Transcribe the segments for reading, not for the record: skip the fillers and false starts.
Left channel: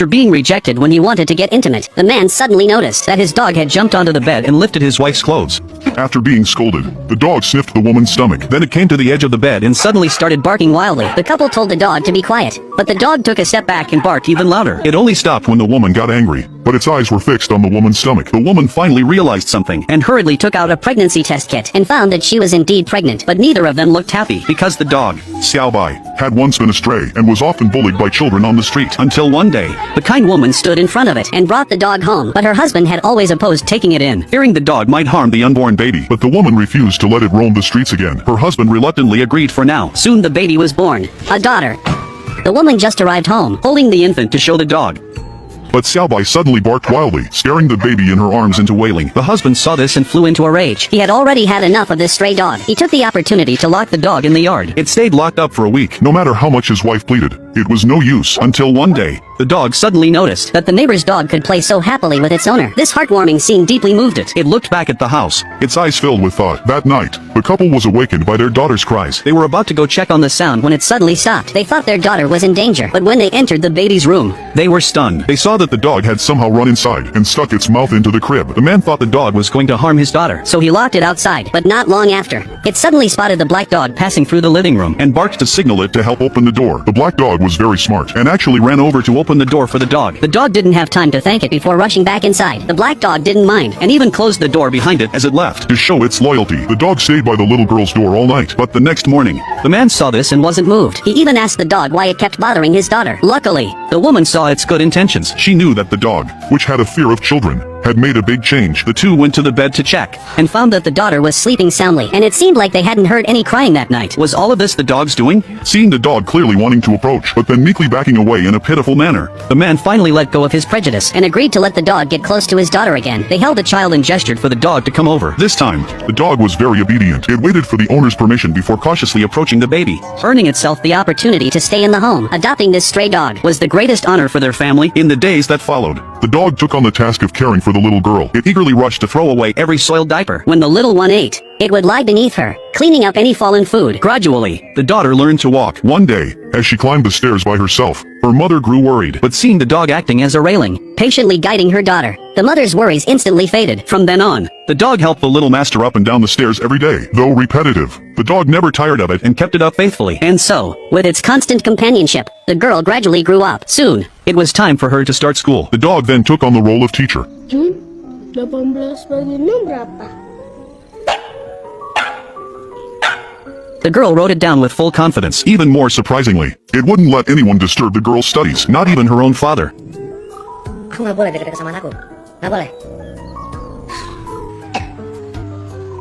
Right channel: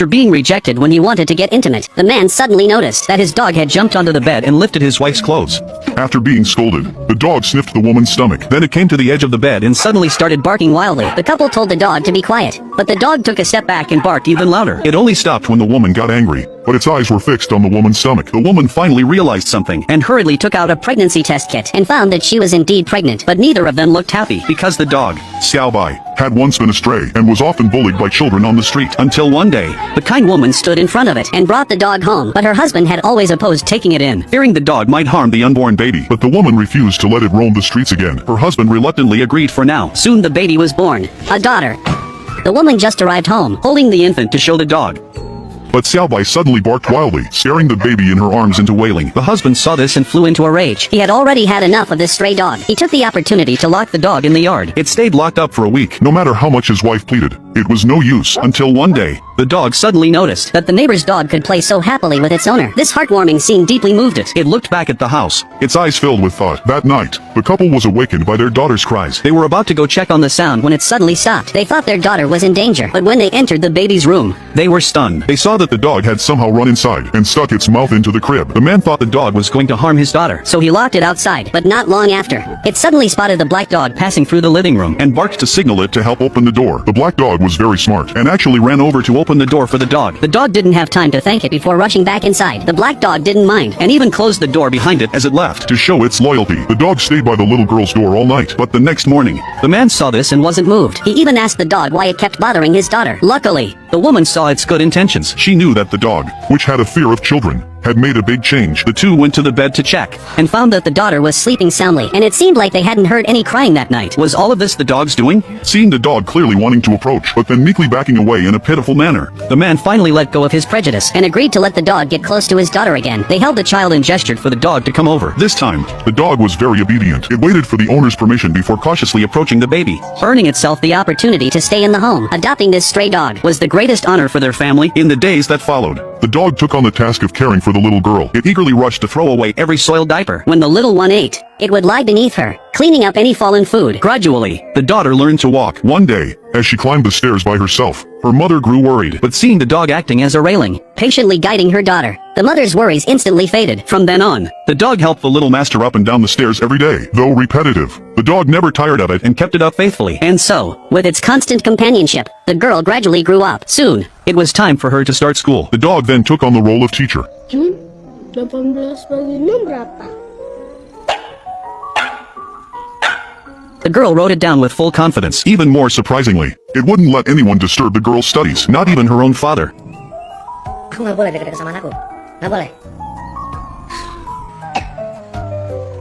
After being rejected when he wanted to get intimate, the man suddenly noticed that his dog had jumped onto the bed and lifted his wife's clothes. After being scolded, the dog sniffed the woman's stomach. Then it came to the edge of the bed and Suddenly started barking wildly. The couple told the dog to be quiet, but the dog took a step back and barked even louder. It only stopped when the woman got angry, but its eyes were fixed on the woman's stomach. The woman finally realized something and hurriedly took out a pregnancy test kit and found that she was indeed pregnant, but neither of them looked happy. because the dog, Xiao Bai, had once been a stray and was often bullied by children on the street. until one day, The kind woman stood in front of it and brought the dog home, but her husband had always opposed taking it in. fearing the dog might harm the unborn baby. But the woman refused to let it roam the streets again. Her husband reluctantly agreed for now. Soon the baby was born, a daughter. The woman just arrived home, holding the infant To show the dog, But Xiao Bai suddenly barked wildly, scaring the baby in her arms into wailing. the husband saw this and flew into a rage. He had already had enough of this stray dog. He took the opportunity to lock the dog in the yard. it stayed locked up for a week. No matter how much his wife pleaded, it was no use. Until one day, the dog suddenly noticed. That the neighbor's dog could play so happily with its owner. This heartwarming scene deeply moved it. It looked back at the house. Its eyes filled with thought. That night, the couple was awakened by their daughter's cries. They were about to go check on the sound when It suddenly stopped. They thought their daughter was in danger, but when they entered the baby's room, they were stunned. They saw that the dog had somehow run inside and stuck its mouth into the crib. The man thought the dog was going to harm his daughter so he locked it outside. But not long after, it suddenly spotted the black dog passing through the living room. and Barked to signal it to help open the door. The black dog was very smart and actually ran over to open the door for the dog. The dog didn't have time to thank it before rushing back inside. The black dog didn't mind and even closed the door behind it as it left. To show its loyalty, the dog stayed by the little girl's door all night. But the next morning, The man saw this and wasn't moved. He even asked the dog why it kept bothering his daughter. Luckily, the woman saw its good intentions. she knew that the dog, which had a fear of children, had made a big change. The two went to the bed to check. and found that the daughter was sleeping soundly, and it seemed like they hadn't heard any crying that night. Was all of this the dog's doing? Seeing the dog clearly wanting to approach, but then meekly backing away in a pitiful manner, The man finally let go of his Prejudice and agreed to let the dog get close to his daughter again. They held the child and gestured for the dog to come over. This time, the dog was very obedient. It waited for the owner's permission before cautiously approaching the baby. earning itself the opportunity to stay in the home. Adopting this stray dog was the greatest honor for their family. In the days that followed, The dog took on the task of caring for the little girl. it eagerly rushed to throw away every soiled diaper. When the little one ate, it would lie beneath her, cleaning up any fallen food. Gradually, the daughter learned to walk. One day, as she climbed the stairs by herself, her mother grew worried. But seeing the dog acting as a railing, Patiently guiding her daughter, the mother's worries instantly faded. from then on, the dog helped the little Master up and down the stairs every day. Though repetitive, the dog never tired of it. and kept it up faithfully. And so, with its constant companionship, the girl gradually grew up. Soon, It was time for her to start school. The dog then took on the role of teacher. Jun, 18 bagian 6 berapa? the girl wrote it down with full confidence. Even more surprisingly, it wouldn't let anyone disturb the girl's studies, not even her own father. Aku nggak boleh deket sama anakku. Nggak boleh.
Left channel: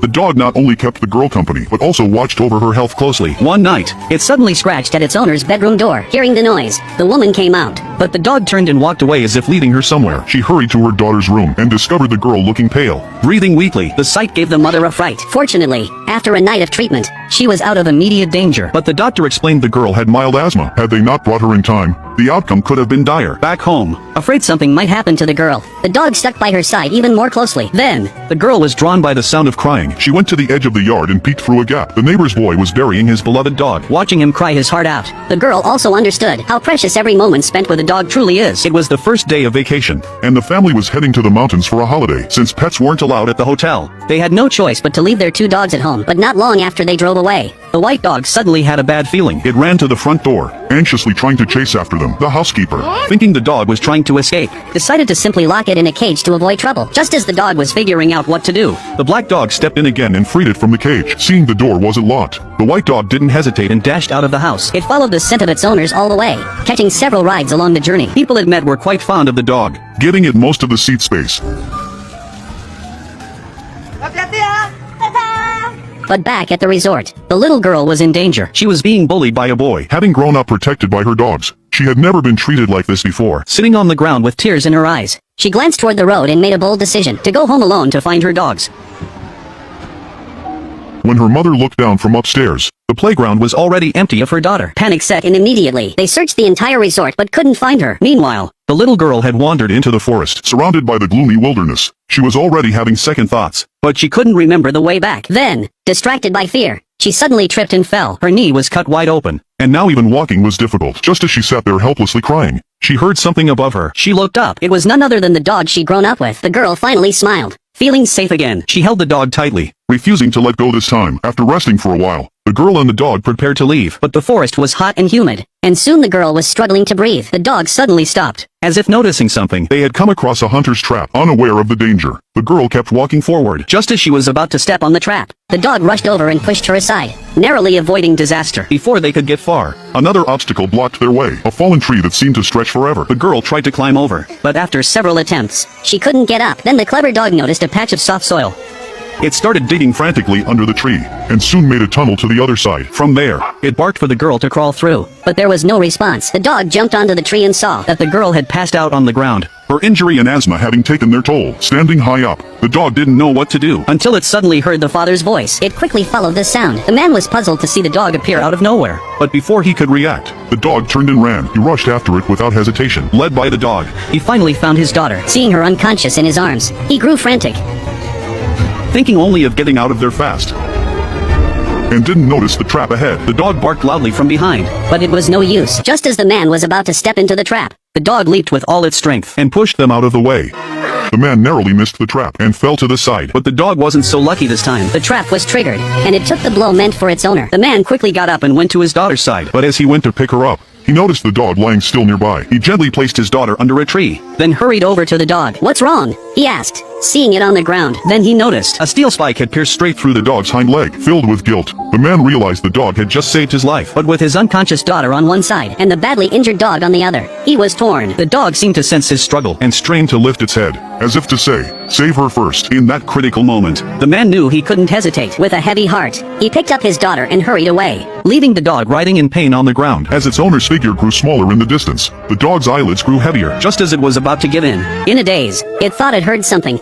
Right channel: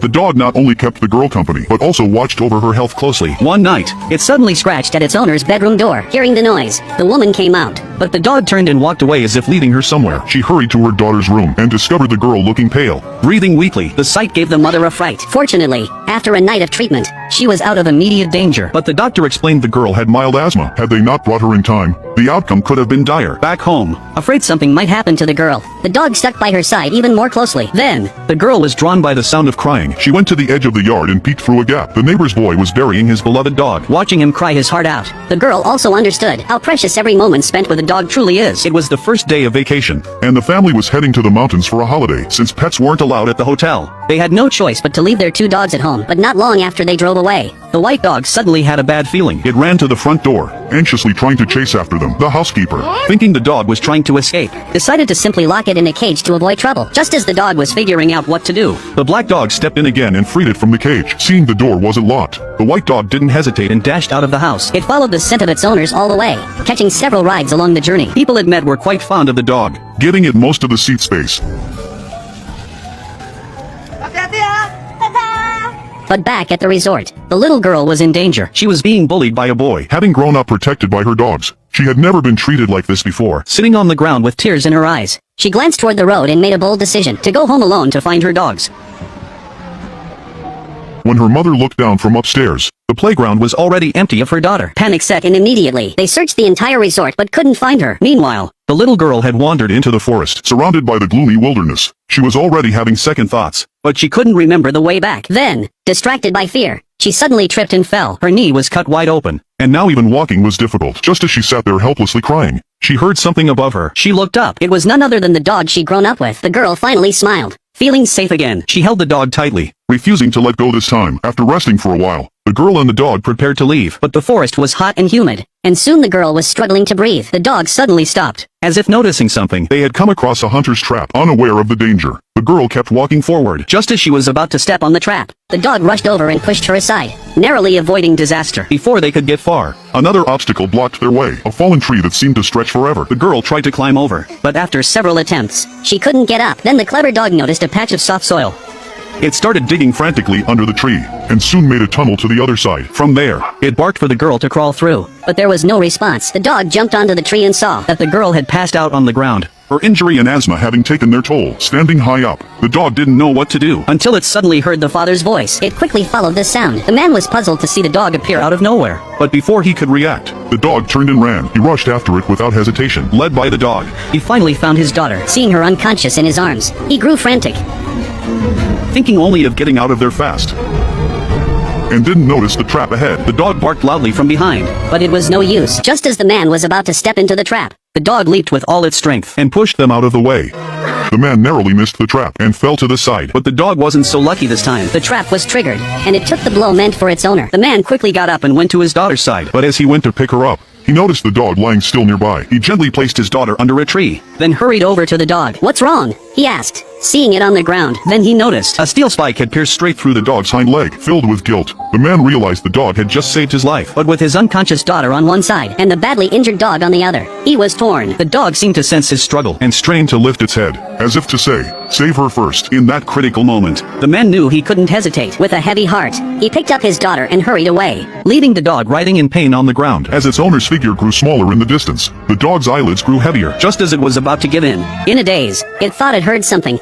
The dog not only kept the girl company, but also watched over her health closely. One night, It suddenly scratched at its owner's bedroom door. Hearing the noise, the woman came out. but the dog turned and walked away as if leading her somewhere. She hurried to her daughter's room and discovered the girl looking pale. Breathing weakly, The sight gave the mother a fright. Fortunately, after a night of treatment, she was out of immediate danger. but the doctor explained The girl had mild asthma. Had they not brought her in time, the outcome could have been dire. back home, Afraid something might happen to the girl, the dog stuck by her side even more closely. Then, the girl was drawn by the sound of crying. She went to the edge of the yard and peeked through a gap. The neighbor's boy was burying his beloved dog. watching him cry his heart out, the girl also understood how precious every moment spent with a dog truly is. It was the first day of vacation. And the family was heading to the mountains for a holiday, since pets weren't allowed at the hotel. They had no choice but to leave their two dogs at home, but not long after they drove away. The white dog suddenly had a bad feeling. It ran to the front door, anxiously trying to chase after them. The housekeeper, Thinking the dog was trying to escape, Decided to simply lock it in a cage to avoid trouble. Just as the dog was figuring out what to do, the black dog stepped in again and freed it from the cage. Seeing the door wasn't locked, the white dog didn't hesitate and dashed out of the house. it followed the scent of its owners all the way, catching several rides along the journey. People it met were quite fond of the dog. giving it most of the seat space. Hati-hati ya. But back at the resort, the little girl was in danger. She was being bullied by a boy. Having grown up protected by her dogs, she had never been treated like this before. Sitting on the ground with Tears in her eyes, she glanced toward the road and made a bold decision to go home alone to find her dogs. When her mother looked down from upstairs, the playground was already empty of her daughter. Panic set in immediately. They searched the entire resort but couldn't find her. Meanwhile, the little girl had wandered into the forest, surrounded by the gloomy wilderness. She was already having second thoughts. but she couldn't remember the way back. Then, distracted by fear, She suddenly tripped and fell. Her knee was cut wide open. And now even walking was difficult. Just as she sat there helplessly crying, she heard something above her. She looked up. It was none other than the dog she'd grown up with. The girl finally smiled, feeling safe again. She held the dog tightly. Refusing to let go this time. After resting for a while, the girl and the dog prepared to leave. But the forest was hot And humid, and soon the girl was struggling to breathe. The dog suddenly stopped. as if noticing something. They had come across a hunter's trap, unaware of the danger. The girl kept walking forward. Just as she was about to step on the trap, The dog rushed over and pushed her aside, narrowly avoiding disaster. before they could get far, Another obstacle blocked their way. A fallen tree that seemed to stretch forever. the girl tried to climb over. But after several attempts, she couldn't get up. Then the clever dog noticed a patch of soft soil. It started digging frantically under the tree, and soon made a tunnel to the other side. From there, It barked for the girl to crawl through. But there was no response. The dog jumped onto the tree and saw That the girl had passed out on the ground. her injury and asthma having taken their toll. Standing high up, the dog didn't know what to do. Until it suddenly heard the father's voice. It quickly followed the sound. The man was puzzled to see the dog appear Out of nowhere. But before he could react, the dog turned and ran. He rushed after it without hesitation, led by the dog. He finally found his daughter. Seeing her unconscious in his arms, he grew frantic. Thinking only of Getting out of there fast, and didn't notice the trap ahead. the dog barked loudly from behind. But it was no use. Just as the man was about to step into the trap, The dog leaped with all its strength. And pushed them out of the way. The man narrowly missed the trap and fell to the side. But the dog wasn't so lucky this time. the trap was triggered, and it took the blow meant for its owner. The man quickly got up and went to his daughter's side. But as he went to pick her up, he noticed the dog lying still nearby. He gently placed his daughter Under a tree. Then hurried over to the dog. "What's wrong?" he asked, seeing it on the ground. Then he noticed a steel spike had pierced straight through the dog's hind leg. Filled with guilt, the man realized the dog had just saved his life. But with his unconscious daughter On one side, and the badly injured dog on the other, he was torn. the dog seemed to sense his struggle. And strained to lift its head, as if to say, save her first. In that critical moment, The man knew he couldn't hesitate. With a heavy heart, he picked up his daughter and hurried away. Leaving the dog writhing in pain on the ground. as its owner's figure grew smaller in the distance, the dog's eyelids grew heavier. Just as it was about to give in, In a daze, it thought it heard something.